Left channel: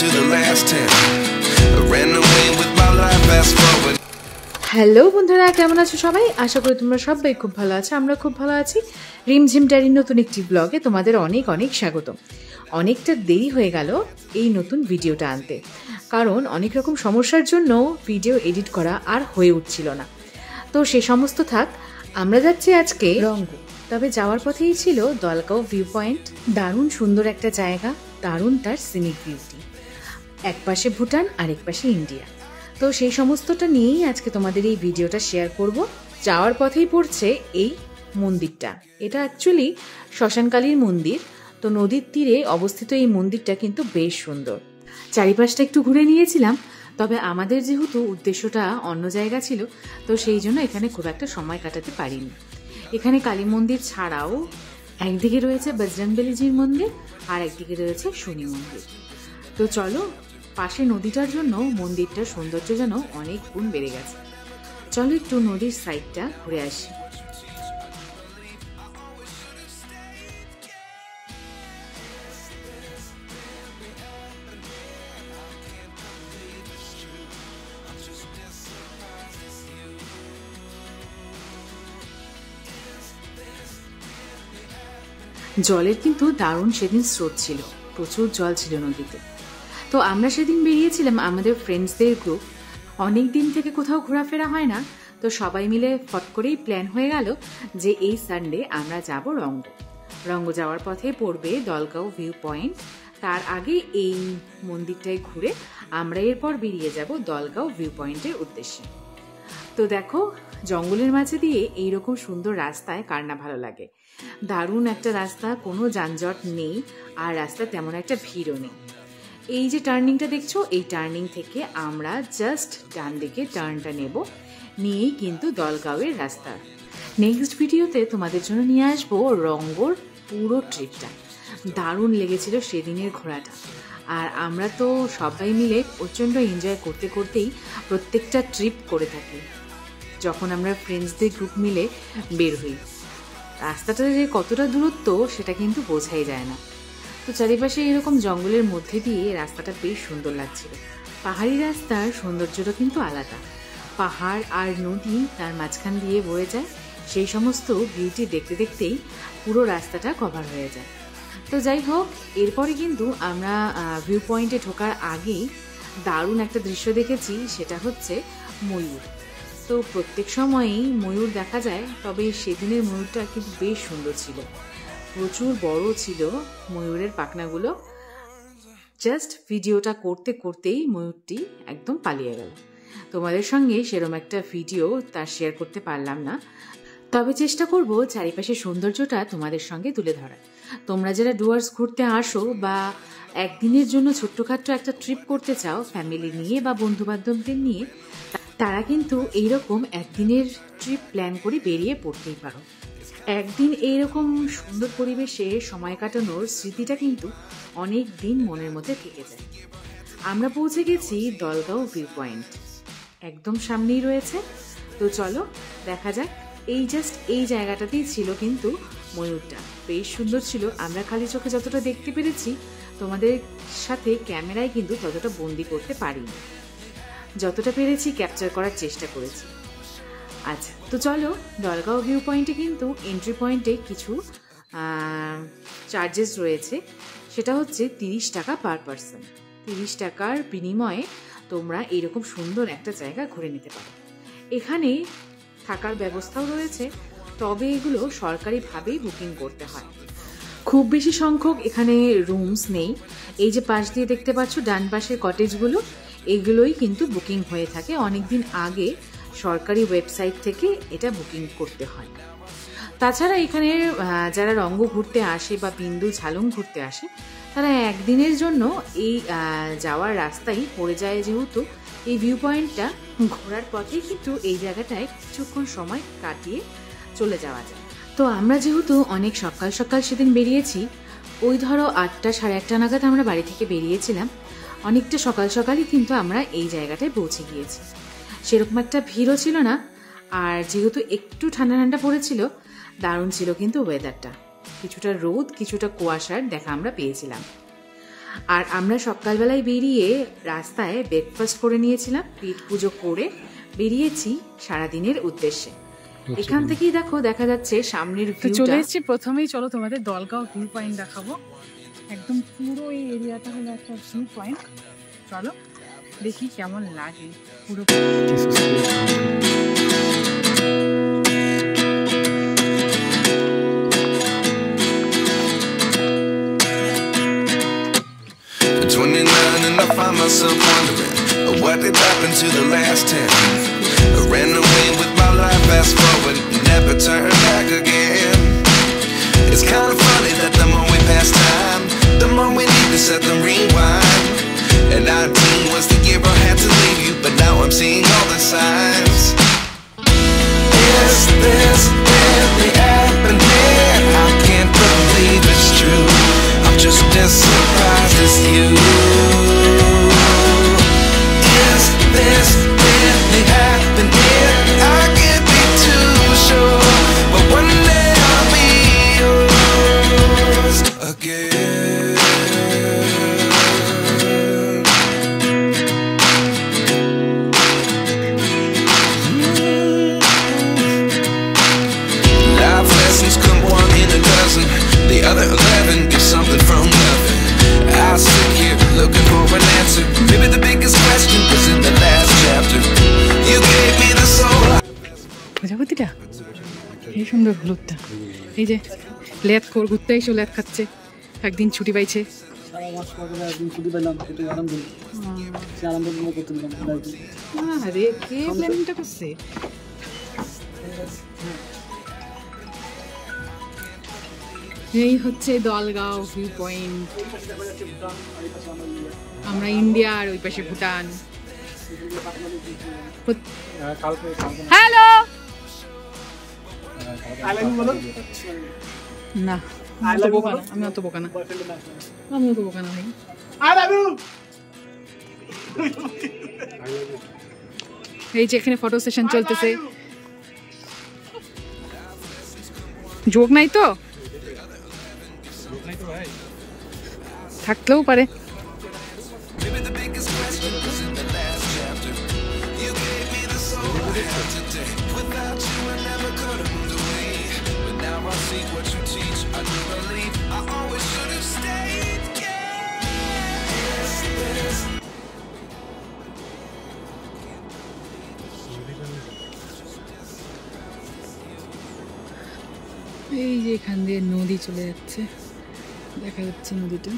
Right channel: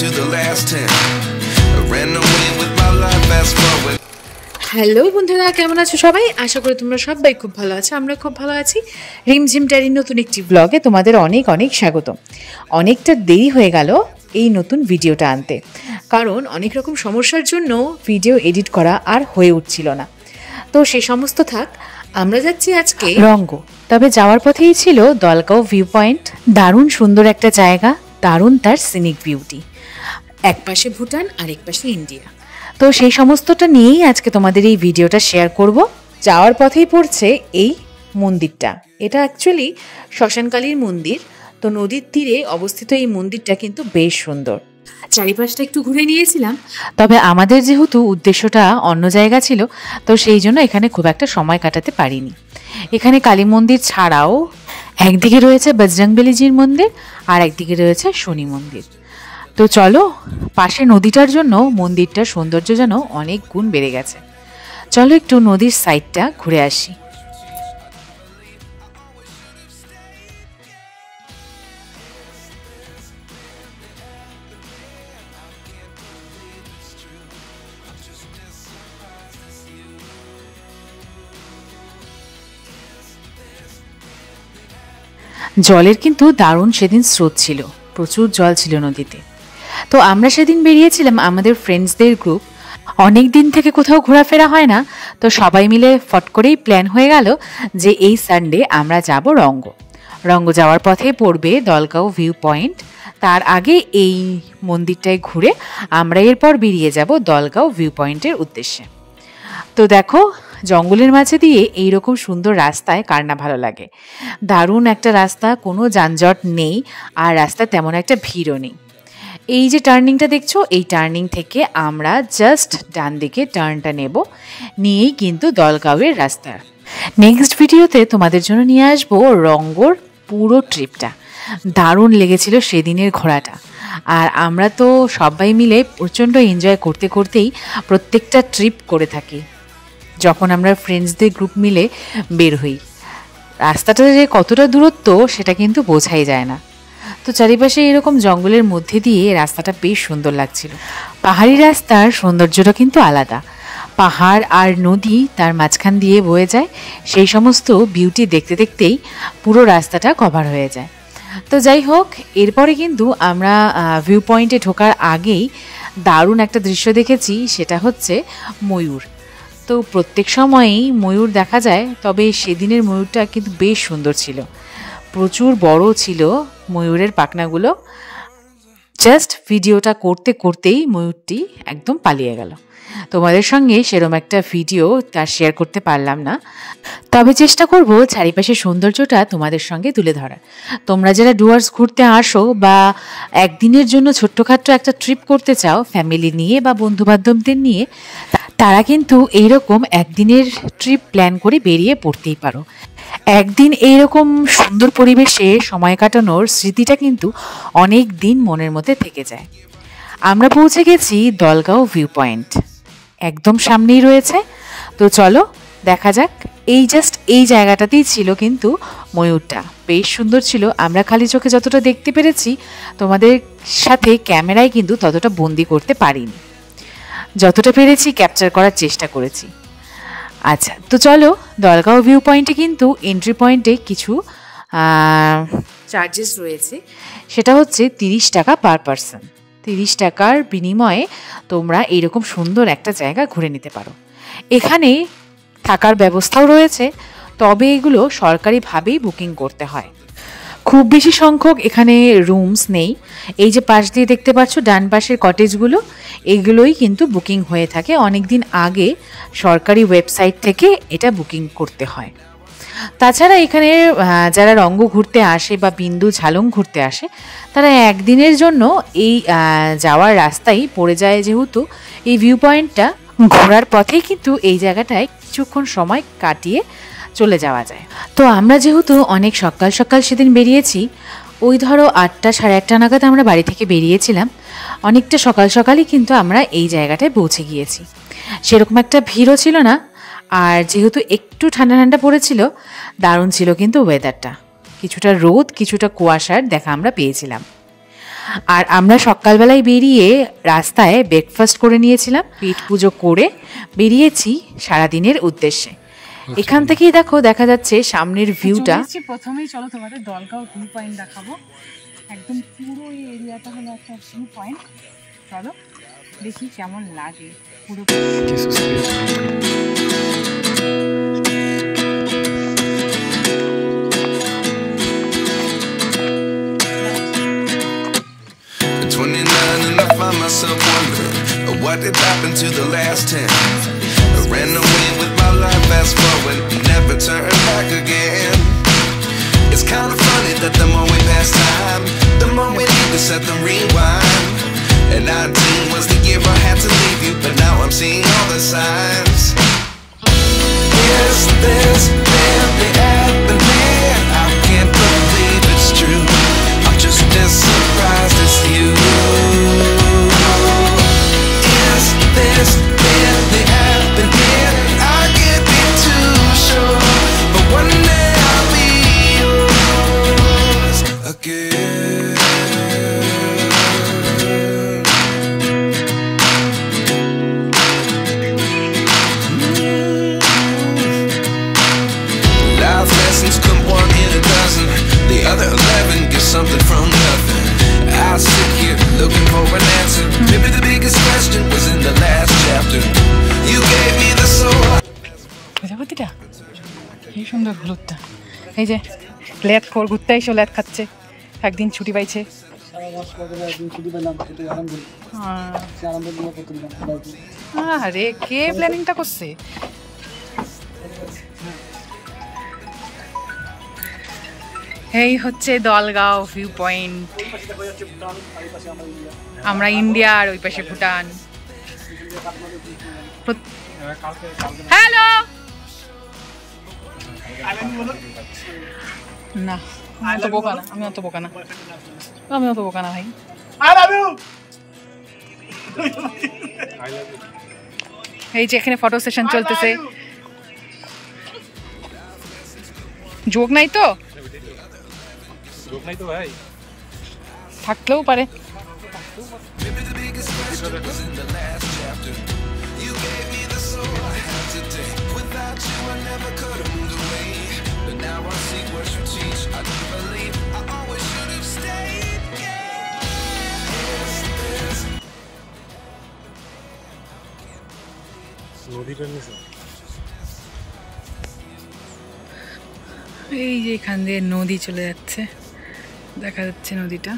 to the last 10. I ran away with my life, fast forward. Hello বন্ধুরা, কেমন আছো সবাই? আশা করি তোমরা সবাই খুব ভালো আছো। আমরা খুব ভালো আছি। রিমঝিম ডায়েরির নতুন একটি ব্লগে তোমাদের অনেক অনেক স্বাগত। অনেকটা দেরি হয়ে গেল এই নতুন ভিডিওটা আনতে, কারণ অনেক রকম সমস্যার জন্য ভিডিও এডিট করা আর হয়ে উঠছিল না। তো সে সমস্ত থাক, আমরা যাচ্ছি আজকে রঙ্গ। তবে যাওয়ার পথেই ছিল দলগাঁও ভিউ পয়েন্ট। দারুণ সুন্দর একটা জায়গা, দারুণ তার সিনিক বিউটি। এক পাশে ভুটান আর এক পাশে ইন্ডিয়া। তো সেই সমস্তটা নিয়েই আজকে তোমাদের এই ভিডিওটা শেয়ার করব। যাওয়ার পথেই পড়ছে এই মন্দিরটা। এটা অ্যাকচুয়ালি শ্মশানকালীর মন্দির। তো নদীর তীরে অবস্থিত এই মন্দিরটা কিন্তু বেশ সুন্দর। চারিপাশটা একটু ঘুরে নিয়েছিলাম, তবে আমাদের যেহেতু উদ্দেশ্যটা অন্য জায়গা ছিল, তো সেই জন্য এখানে খুব একটা সময় কাটাতে পারিনি। এখানে কালী মন্দির ছাড়াও একদিকে রয়েছে বজরংবলীজির মন্দির আর একদিকে রয়েছে শনি মন্দির। তো চলো, পাশে নদীটার জন্য মন্দিরটার সৌন্দর্য যেন অনেক গুণ বেড়ে গেছে। চলো একটু নদীর সাইডটা ঘুরে আসি। জলের কিন্তু দারুণ সেদিন স্রোত ছিল, প্রচুর জল ছিল নদীতে। তো আমরা সেদিন বেরিয়েছিলাম আমাদের ফ্রেন্ডসদের গ্রুপ। অনেক দিন থেকে কোথাও ঘোরাফেরা হয় না, তো সবাই মিলে ফট করেই প্ল্যান হয়ে গেল যে এই সানডে আমরা যাব রঙ্গ। রঙ্গ যাওয়ার পথে পড়বে দলগাঁও ভিউ পয়েন্ট। তার আগে এই মন্দিরটায় ঘুরে আমরা এরপর বেরিয়ে যাব দলগাঁও ভিউ পয়েন্টের উদ্দেশ্যে। তো দেখো, জঙ্গলের মাঝে দিয়ে এইরকম সুন্দর রাস্তায় কার না ভালো লাগে। দারুণ একটা রাস্তা, কোনো যানজট নেই, আর রাস্তায় তেমন একটা ভিড়ও নেই। এই যে টার্নিংটা দেখছো, এই টার্নিং থেকে আমরা জাস্ট ডান দিকে টার্নটা নেব, নিয়েই কিন্তু দলগাঁওয়ের রাস্তা। নেক্সট ভিডিওতে তোমাদের জন্য নিয়ে আসবো রঙ্গর পুরো ট্রিপটা। দারুণ লেগেছিল সেদিনের ঘোরাটা, আর আমরা তো সবাই মিলে প্রচণ্ড এনজয় করতে করতেই প্রত্যেকটা ট্রিপ করে থাকি যখন আমরা ফ্রেন্ডসদের গ্রুপ মিলে বের হই। রাস্তাটা যে কতটা দূরত্ব সেটা কিন্তু বোঝাই যায় না। তো চারিপাশে এরকম জঙ্গলের মধ্যে দিয়ে রাস্তাটা বেশ সুন্দর লাগছিল। পাহাড়ি রাস্তার সৌন্দর্যটা কিন্তু আলাদা। পাহাড় আর নদী তার মাঝখান দিয়ে বয়ে যায়, সেই সমস্ত বিউটি দেখতে দেখতেই পুরো রাস্তাটা কভার হয়ে যায়। তো যাই হোক, এরপরে কিন্তু আমরা ভিউ পয়েন্টে ঢোকার আগেই দারুণ একটা দৃশ্য দেখেছি, সেটা হচ্ছে ময়ূর। তো প্রত্যেক সময়ই ময়ূর দেখা যায়, তবে সেদিনের ময়ূরটা কিন্তু বেশ সুন্দর ছিল, প্রচুর বড় ছিল ময়ূরের পাখনাগুলো। জাস্ট ভিডিওটা করতে করতেই ময়ূরটি একদম পালিয়ে গেল। তোমাদের সঙ্গে সেরকম একটা ভিডিও তার শেয়ার করতে পারলাম না, তবে চেষ্টা করব চারিপাশের সৌন্দর্যটা তোমাদের সঙ্গে তুলে ধরার। তোমরা যারা ডুয়ার্স ঘুরতে আসো বা একদিনের জন্য ছোট্টখাট্ট একটা ট্রিপ করতে চাও ফ্যামিলি নিয়ে বা বন্ধুবান্ধবদের নিয়ে, তারা কিন্তু এইরকম একদিনের ট্রিপ প্ল্যান করে বেরিয়ে পড়তেই পারো। একদিন এইরকম সুন্দর পরিবেশে সময় কাটানোর স্মৃতিটা কিন্তু অনেক দিন মনের মধ্যে থেকে যায়। আমরা পৌঁছে গেছি দলগাঁও ভিউ পয়েন্ট, একদম সামনেই রয়েছে। তো চলো দেখা যাক। এই জায়গাটাতেই ছিল কিন্তু ময়ূরটা, বেশ সুন্দর ছিল। আমরা খালি চোখে যতটা দেখতে পেরেছি, তোমাদের সাথে ক্যামেরায় কিন্তু ততটা বন্দি করতে পারিনি। যতটা পেরেছি ক্যাপচার করার চেষ্টা করেছি। আচ্ছা, তো চলো, দলগাঁও ভিউ পয়েন্টে কিন্তু এন্ট্রি পয়েন্টে কিছু চার্জেস রয়েছে। সেটা হচ্ছে 30 টাকা পার পারসন। 30 টাকার বিনিময়ে তোমরা এইরকম সুন্দর একটা জায়গা ঘুরে নিতে পারো। এখানে থাকার ব্যবস্থাও রয়েছে, তবে এগুলো সরকারিভাবেই বুকিং করতে হয়। খুব বেশি সংখ্যক এখানে রুমস নেই। এই যে পাশ দিয়ে দেখতে পাচ্ছ ডান পাশের কটেজগুলো, এগুলোই কিন্তু বুকিং হয়ে থাকে অনেক দিন আগে। সরকারি ওয়েবসাইট থেকে এটা বুকিং করতে হয়। তাছাড়া এখানে যারা রঙ্গ ঘুরতে আসে বা বিন্দু ঝালং ঘুরতে আসে, তারা একদিনের জন্য এই যাওয়ার রাস্তায় পড়ে যায়। যেহেতু এই ভিউ পয়েন্টটা ঘোরার পথেই কিন্তু এই জায়গাটায় কিছুক্ষণ সময় কাটিয়ে চলে যাওয়া যায়। তো আমরা যেহেতু অনেক সকাল সকাল সেদিন বেরিয়েছি, ওই ধরো 8টা সাড়ে 8টা নাগাদ আমরা বাড়ি থেকে বেরিয়েছিলাম। অনেকটা সকাল সকালই কিন্তু আমরা এই জায়গাটায় পৌঁছে গিয়েছি। সেরকম একটা ভিড়ও ছিল না, আর যেহেতু একটু ঠান্ডা ঠান্ডা পড়েছিল, দারুণ ছিল কিন্তু ওয়েদারটা। কিছুটা রোদ কিছুটা কুয়াশার দেখা আমরা পেয়েছিলাম। আর আমরা সকালবেলায় বেরিয়ে রাস্তায় ব্রেকফাস্ট করে নিয়েছিলাম, পেট পুজো করে বেরিয়েছি সারাদিনের উদ্দেশ্যে। এখান থেকেই দেখা যাচ্ছে সামনের ভিউটা। প্রথমেই চলো তোমাদের দলগাঁও ভিউ পয়েন্ট দেখাবো। একদম পুরো এই এরিয়াটা হলো একটা ভিউ পয়েন্ট। চলো দেখি কেমন লাগে পুরো। 29 and I find myself wondering what did happen to the last 10. I ran away with my life, fast forward, never turn back again. It's kind of funny that the more we pass time, the more we need to set them rewind. And 19 was the year I had to leave you, but now I'm seeing all the signs. Is this really happening? I can't believe it's true. I'm just as surprised as you. Is this really happening? I can't be too sure, but one day I'll be yours again. Life lessons come one in a dozen. The other 11 give something from nothing. I sit here looking for an answer. Maybe the biggest question was in the last chapter. You gave me the soul. প্রজাপতিটা কি সুন্দর হলুদটা। এই যে lathe খোর ঘুরতে এসে lathe খাচ্ছে, একদিন ছুটি পাইছে। আরে কে প্ল্যানিংটা করছে? এই হচ্ছে দলগাঁও ভিউ পয়েন্ট। আমরা ইন্ডিয়া আর ওই পাশে ভুটান। হ্যালো না, আমি অত বোকা না, আমি অত বোকা না ভাই। এই যে এখানে ফটো সেশন চলতেছে। যোগ নাই তো, থাকলেও পারে। এই যে এখান দিয়ে নদী চলে যাচ্ছে, দেখা যাচ্ছে নদীটা।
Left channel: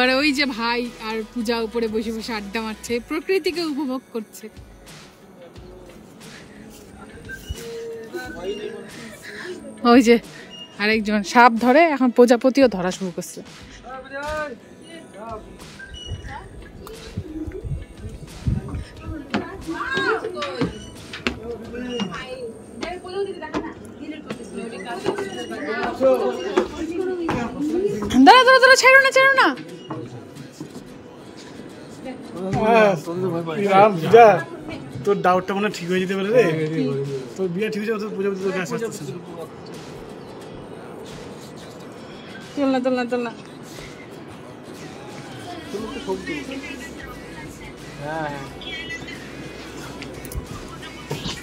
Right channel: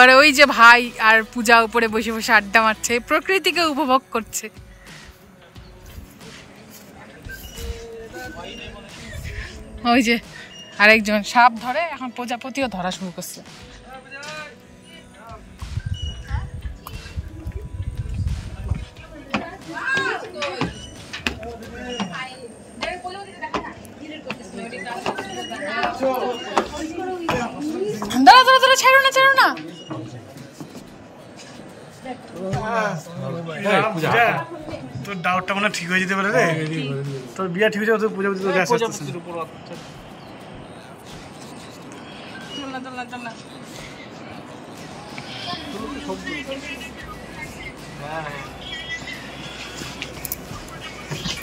আর ওই যে ভাই আর পূজা উপরে বসে বসে আড্ডা মারছে, প্রকৃতিকে উপভোগ করছে। ওই যে আরেকজন সাপ ধরে, এখন প্রজাপতিও ধরা শুরু করছে। দাঁড়া ছাড়ো না। তোর ডাউটটা মানে ঠিক হয়ে যেতে পারে রে, তোর বিয়া ঠিক হয়ে যাবে, তোর পূজা চল না।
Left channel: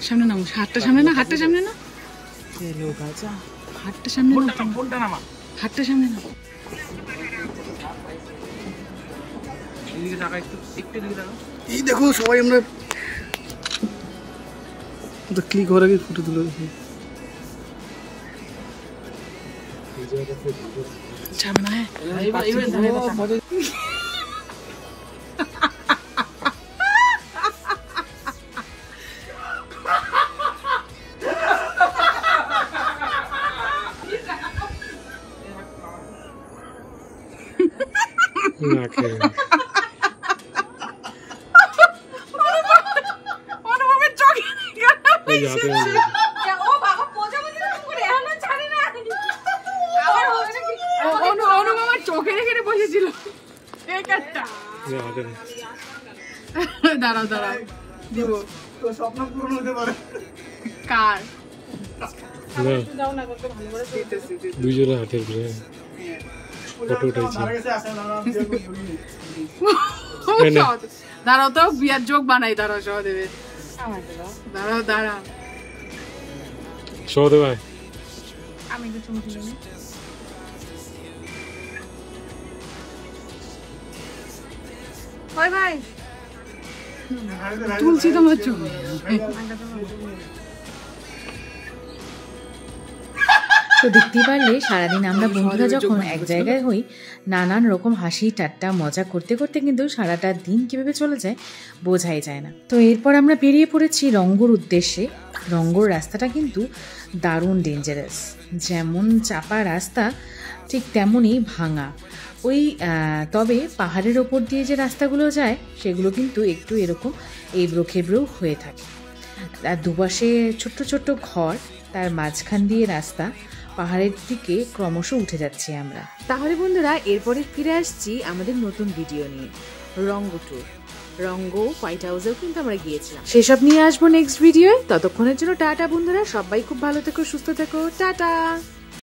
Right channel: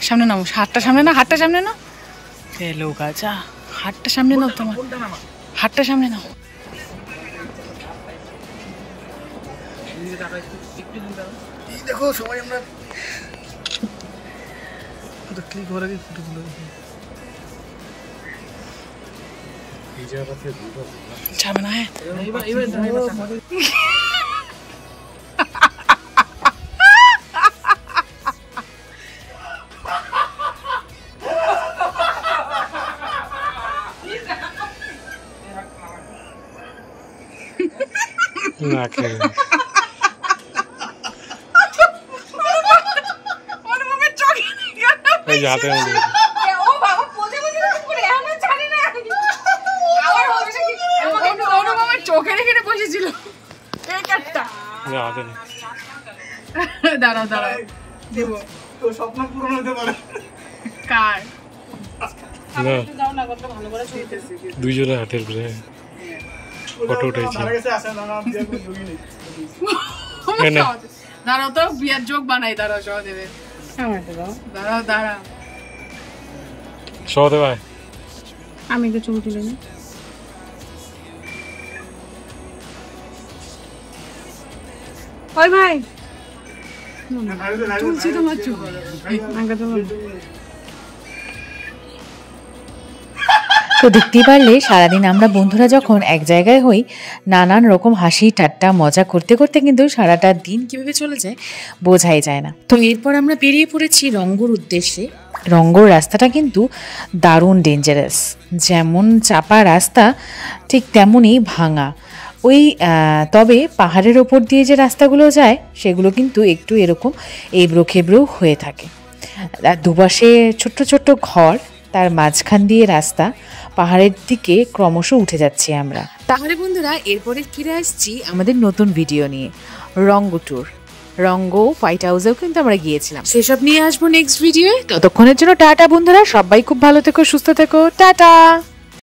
সামনে নাও, হাতটা সামনে না। এলো গাজা, হাতটা সামনে নাও, তোমার হাতটা সামনে নাও। এই দেখো সবাই আমরা তো ক্লিক হওয়ার আগে ফটো তুলে যাবে না। হ্যাঁ না খেলে যাতে চোখের এখানে বসেছিল। দাঁড়াও দিব। স্বপ্ন পূরণ হতে পারে। কার? না যাও না কত ভালো করে শুইতেছি দুইজনের হাতের উপরে ফটো উঠাইছি দাঁড়াও তো বিয়ার যোগ বানাই দাঁড়াও সহদেবের দাঁড়াও দাঁড়াও সহদে ভাই আমি তো চুল দিলি না ওই ভাই তুলছি তোমার চুল তো দেখতেই পারলে সারাদিন আমরা বন্ধুরা যখন এক জায়গায় হই নানান রকম হাসি ঠাট্টা মজা করতে করতে কিন্তু সারাটা দিন কিভাবে চলে যায় বোঝাই যায় না। তো এরপর আমরা বেরিয়ে পড়েছি রঙ্গর উদ্দেশ্যে। রঙ্গর রাস্তাটা কিন্তু দারুণ ডেঞ্জারাস, যেমন চাপা রাস্তা ঠিক তেমনই ভাঙা। ওই তবে পাহাড়ের ওপর দিয়ে যে রাস্তাগুলো যায় সেগুলো কিন্তু একটু এরকম এবড়ো খেবড়ো হয়ে থাকে, আর দুপাশে ছোট্ট ছোট্ট ঘর, তার মাঝখান দিয়ে রাস্তা, পাহাড়ের দিকে ক্রমশ উঠে যাচ্ছি আমরা। তাহলে বন্ধুরা এরপরে ফিরে আসছি আমাদের নতুন ভিডিও নিয়ে, রঙ্গ ট্যুর। রঙ্গ হোয়াইট হাউসেও কিন্তু আমরা গিয়েছিলাম, সেসব নিয়ে আসবো নেক্সট ভিডিওয়ে। ততক্ষণের জন্য টাটা বন্ধুরা, সবাই খুব ভালো থেকো, সুস্থ থেকো, টাটা।